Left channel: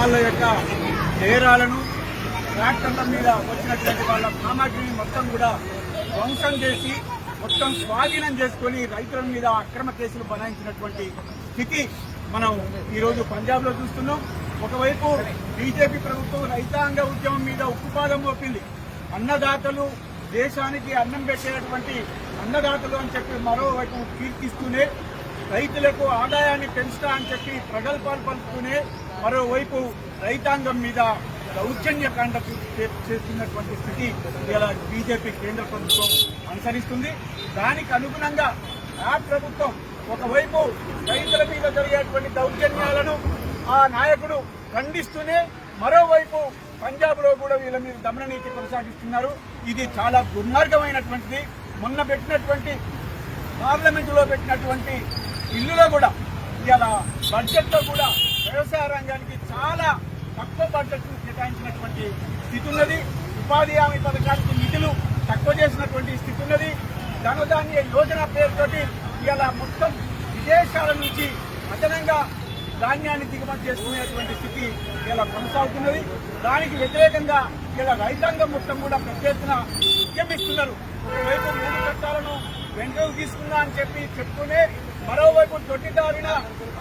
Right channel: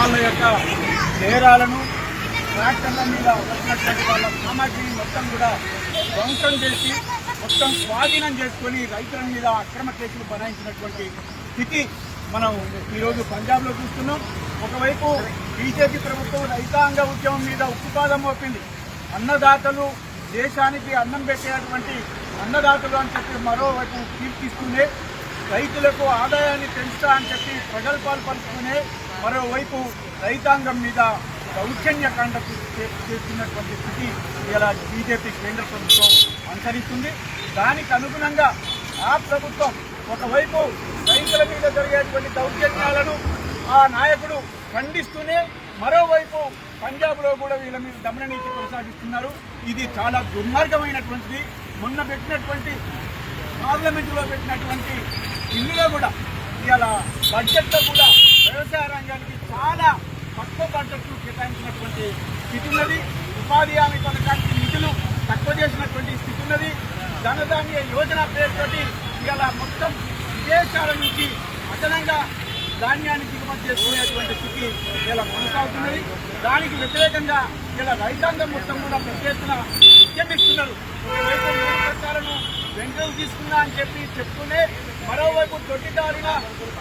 వాళ్ళ యొక్క నేరాలను ట్రాక్టర్ల మీద వచ్చినటువంటి వాళ్ళ సామాగ్రిని మొత్తం కూడా ధ్వంసం చేసి మొత్తం స్వాధీనం చేసుకొని రైతుల మీద అక్రమ కేసులు బనాయించినటువంటి స్థితి మనం ఈరోజు పంజాబ్లో చూస్తున్నాం. ఒకవైపు బీజేపీ ప్రభుత్వం రైతాంగ ఉద్యమం మీద ఉక్కుపాదం మోపింది. అన్నదాతలు దేశానికి అన్నం పెట్టేటువంటి అన్నదాతలు అని చెప్పి మరోవైపు కీర్తిస్తూనే రైతులకు ఆదాయాన్ని పెంచుతా అని చెప్పి ప్రగల్భాలు పలుకుతూనే మరోవైపు రైతాంగం మీద దౌర్జన్యకాండకు చే- చేస్తున్నటువంటి స్థితి ఇలా బీజేపీ కేంద్ర ప్రభుత్వం అనుసరిస్తుంది. దానికి అనుగుణంగా ఆ ప్రభుత్వం ఒకవైపు రైతుల మీద జరిగేటువంటి దౌర్జన్యాలను ఆ నాయకుడు ఖండిస్తూనే మరోవైపు పంజాబ్లో కూడా వీళ్ళ మీద దమన నీతి కొనసాగిస్తున్నారు. ఇది చాలా దుర్మార్గమైనటువంటిది. మొన్న పెట్టినటువంటి పార్లమెంటులో పెట్టినటువంటి ఇందులో కూడా ఇవాళ బడ్జెట్లో కూడా వ్యవసాయ రంగానికి చాలా తక్కువ బడ్జెట్ను కేటాయించినటువంటి స్థితి ఉన్నది. ఉపాధి హామీ పథకానికి నిధులు తక్కువ చేసినటువంటి స్థితి ఉన్నది. ధనధాన్య యోజన పేరుతోటి ఇవాళ మొత్తం విదేశాల నుంచి అదనంగా ధాన్యాన్ని దిగుమతి చేసుకునేటువంటి స్థితి ఇలా కొనసాగుతున్నది. దానికి వ్యతిరేకంగా ఇలా రైతాంగం మొత్తం కూడా పెద్ద ఎత్తున ఉద్యమిస్తున్నారు ఒకవైపు మూడు చట్టాలను వెంటనే తీసుకున్నా అని చెప్పి చెప్తూనే మరోవైపు దొడ్డిదారిన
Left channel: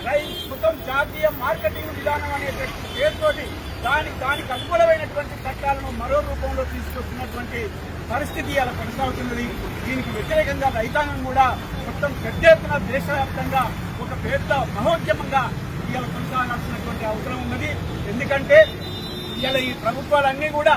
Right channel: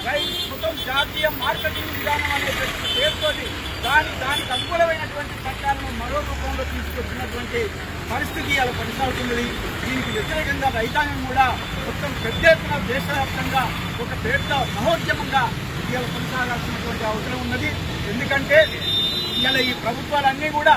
రై మొత్తం జాతీయ మార్కెటింగ్ విధానం అనే పేరుతోటి దాని దానికి అనుకూలమైనటువంటి చట్టాలను మరో రూపంలో తీసుకొచ్చినటువంటి పరిస్థితి అలా కొనసాగుతున్నది. దీనికి వ్యతిరేకంగా రైతాంగం కూడా మొత్తం పెద్ద ఎత్తున దేశవ్యాప్తంగా ఒక పెద్ద మహోద్యమంగా ఇవాళ కొనసాగాల్సినటువంటి అవసరం ఉన్నది. ఎందుకంటే ఇవాళ ఈ ప్రభుత్వాలన్నీ కూడా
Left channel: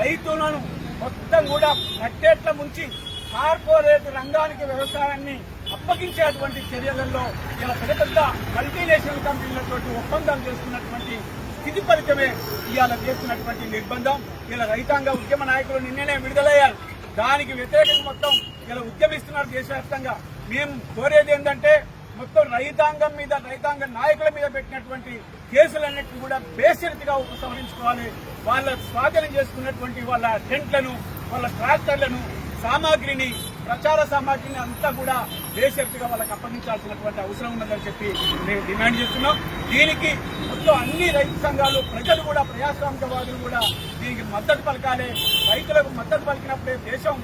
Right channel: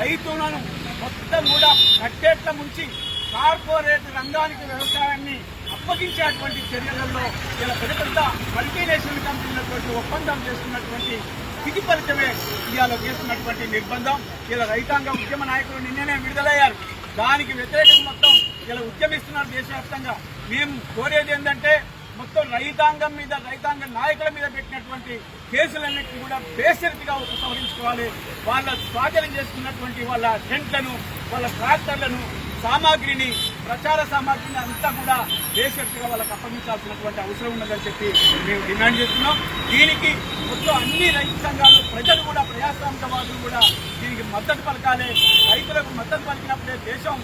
రైతులను మొత్తం కూడా కట్టేట్ల ముంచి కార్పొరేట్ రంగానికి వ్యవసాయాన్ని అప్పగించేటువంటి చర్యలలో ఇలా పెద్ద పెద్ద మల్టీనేషనల్ కంపెనీలతోటి ఒప్పందం చేస్తున్నటువంటి స్థితి ఫలితమే ఇవాళ చేస్తున్నటువంటి నిర్బంధం. ఇలా రైతాంగ ఉద్యమ నాయకులు నిన్ననే విడుదలయ్యారు. దానికి వ్యతిరేకంగా మొత్తం ఇలా ఉద్యమిస్తున్నారు దేశవ్యాప్తంగా. మేము కోరేది ఏంటంటే మొత్తం రైతాంగం మీద రైతాంగ నాయకుల మీద పెట్టినటువంటి కేసులన్నింటినీ కూడా బేసిల్గా ఉపసంహరించుకోవాలి. వాళ్ళ స్వాధీనం చేసుకున్నటువంటి వాళ్ళ టెంట్లను వాళ్ళ ట్రాక్టర్లను సామాగ్రిని ప్రచార సామాగ్రిని అంతా కూడా బేసిల్గా వాళ్ళకి అప్పగించాల్సినటువంటి అవసరం ఉన్నదని చెప్పి మేము డిమాండ్ చేస్తున్నాం. దీనికి మొత్తం అన్ని రైతు సంఘాలు ప్రజలు కూడా ప్రజాస్వామికవాదులు కూడా దీనికి మద్దతు పలకాలి. రైతులకు మద్దతు పలికినప్పుడే దేశం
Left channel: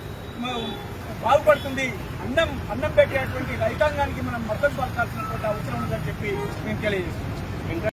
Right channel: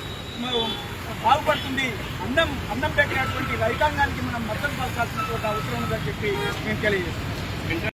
బాగుపడుతుంది. అన్నం అన్నం పెట్టేటువంటి రైతాంగానికి మనం మద్దతు పలకాల్సినటువంటి అవసరం ఉందని చెప్పి మేము తెలియజేస్తున్నాం.